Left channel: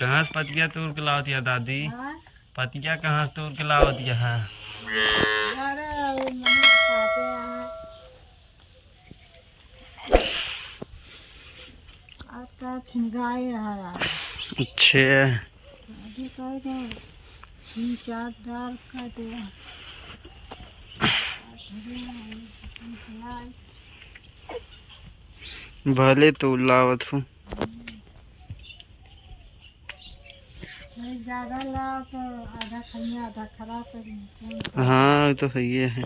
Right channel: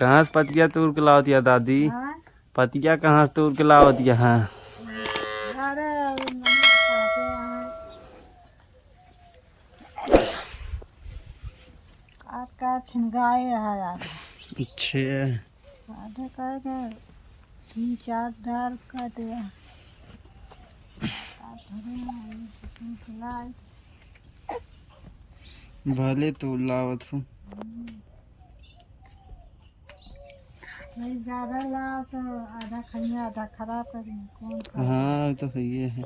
कहाँ से पतिया तोड़ के लाओ दिया दादी? हाँ? पतिया कहाँ से तोड़ के लाओ दिया है? अरे मम्मी खाते हैं। आपका छिनगाए है यार। अच्छे आधे कर गए 3-4 दाल काटे हैं। भले तो लावत हूँ। ज़्यादा लाओ तो आधा खाइए आधा खराब करेंगे। हाँ तो है ये है।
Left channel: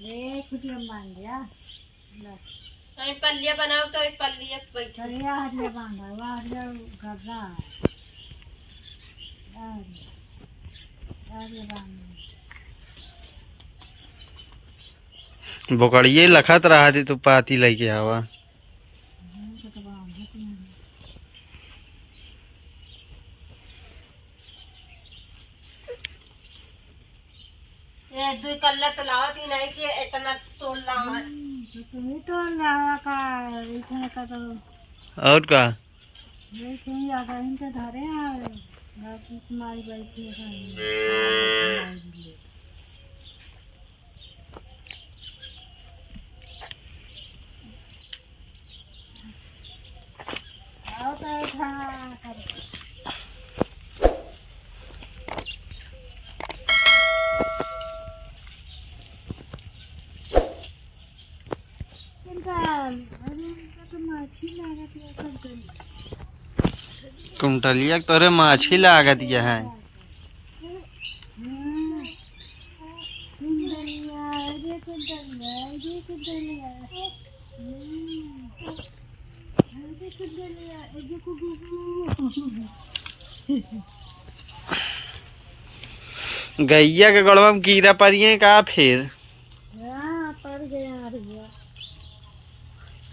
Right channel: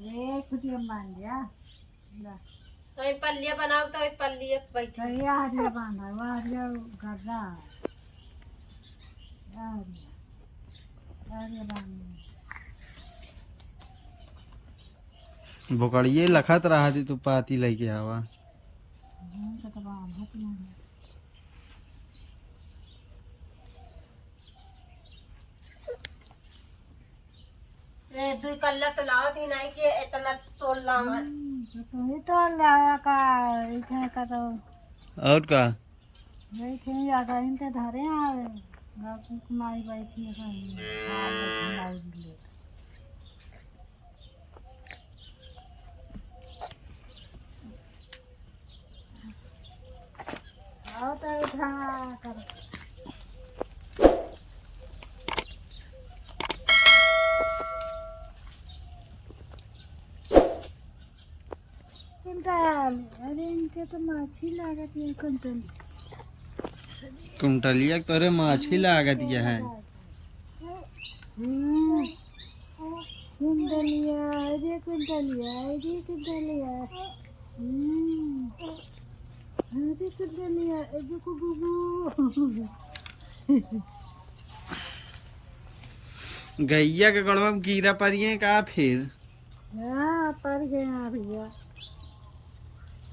ये खुद बांध दिया तो पल्लिया बनाओ तो पल्लिया बैठे हरिया हरिया बांधा वह हरिया गर्रा हरिया बांध बोकड़िए लखत रहा थी तो पाती लेके आवा। ये दो कल्ला तो लाओ थी नहीं कि इतना तोड़ लाओ। तुम्ही तो लावा का इथे का तो और का ये कहीं आगा इनके धरे आ तुम्हारी बैठी है आओ तो उठा कर कुंटल अरे इनके तो माछी लागत है कुंटल कुंटलिया तोरे माछी लागत दिया है। कुंटलिया अरे कुंटलिया अरे कुंटलिया अरे कुंटलिया अरे कुगुगु गैया के गड़वा में कीड़ा परिए का फिर हाँ पर गए हैं भैया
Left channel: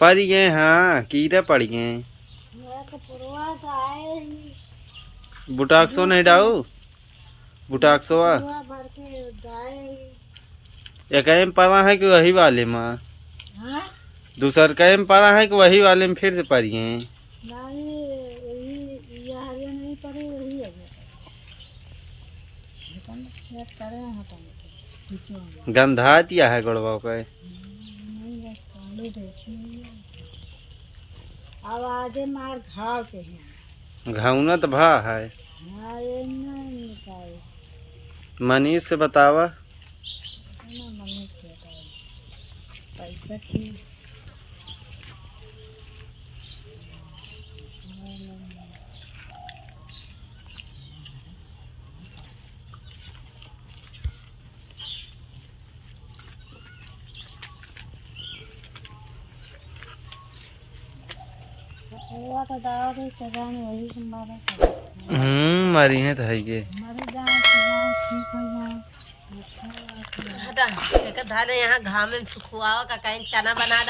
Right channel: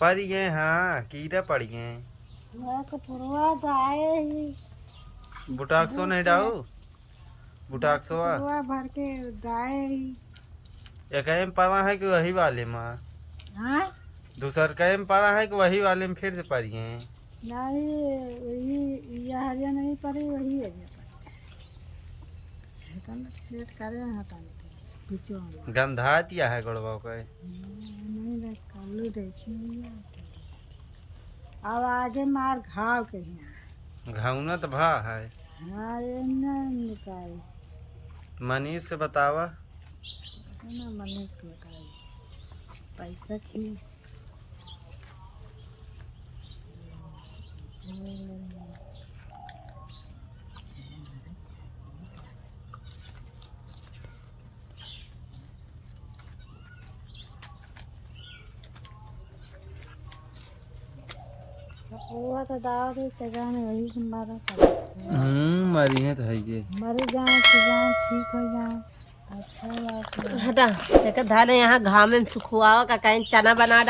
पड़ गए। हाँ कीड़ा पड़ गए। यह तो पुरवा तो आए ही बुटाक्सो नहीं डाऊ बुटाक्सो पुरवा भर के गाए ही एक में पड़ा है कि वही वाले में हाँ दूसर कहे में पड़ा है कि वही वाले में फिर से पड़िए। नहीं यह हरिया नहीं पड़ी वही है सेट करे हटाने के पीछे गंधा दिया है गड़वा का। नहीं रखा देखिए अब आगे मार घाव के यहाँ घावना तो भा है। हाँ ये न निकाय मनीष से बतावा ना मनी के पैसा खी वो तो दावा भी जाने वही से मारा मरी है तो है ये मरी जाए तो जाए ठीक हो जाए अच्छा बात है हटा धान यहाँ घाम में सुखुआ का कहीं चना बना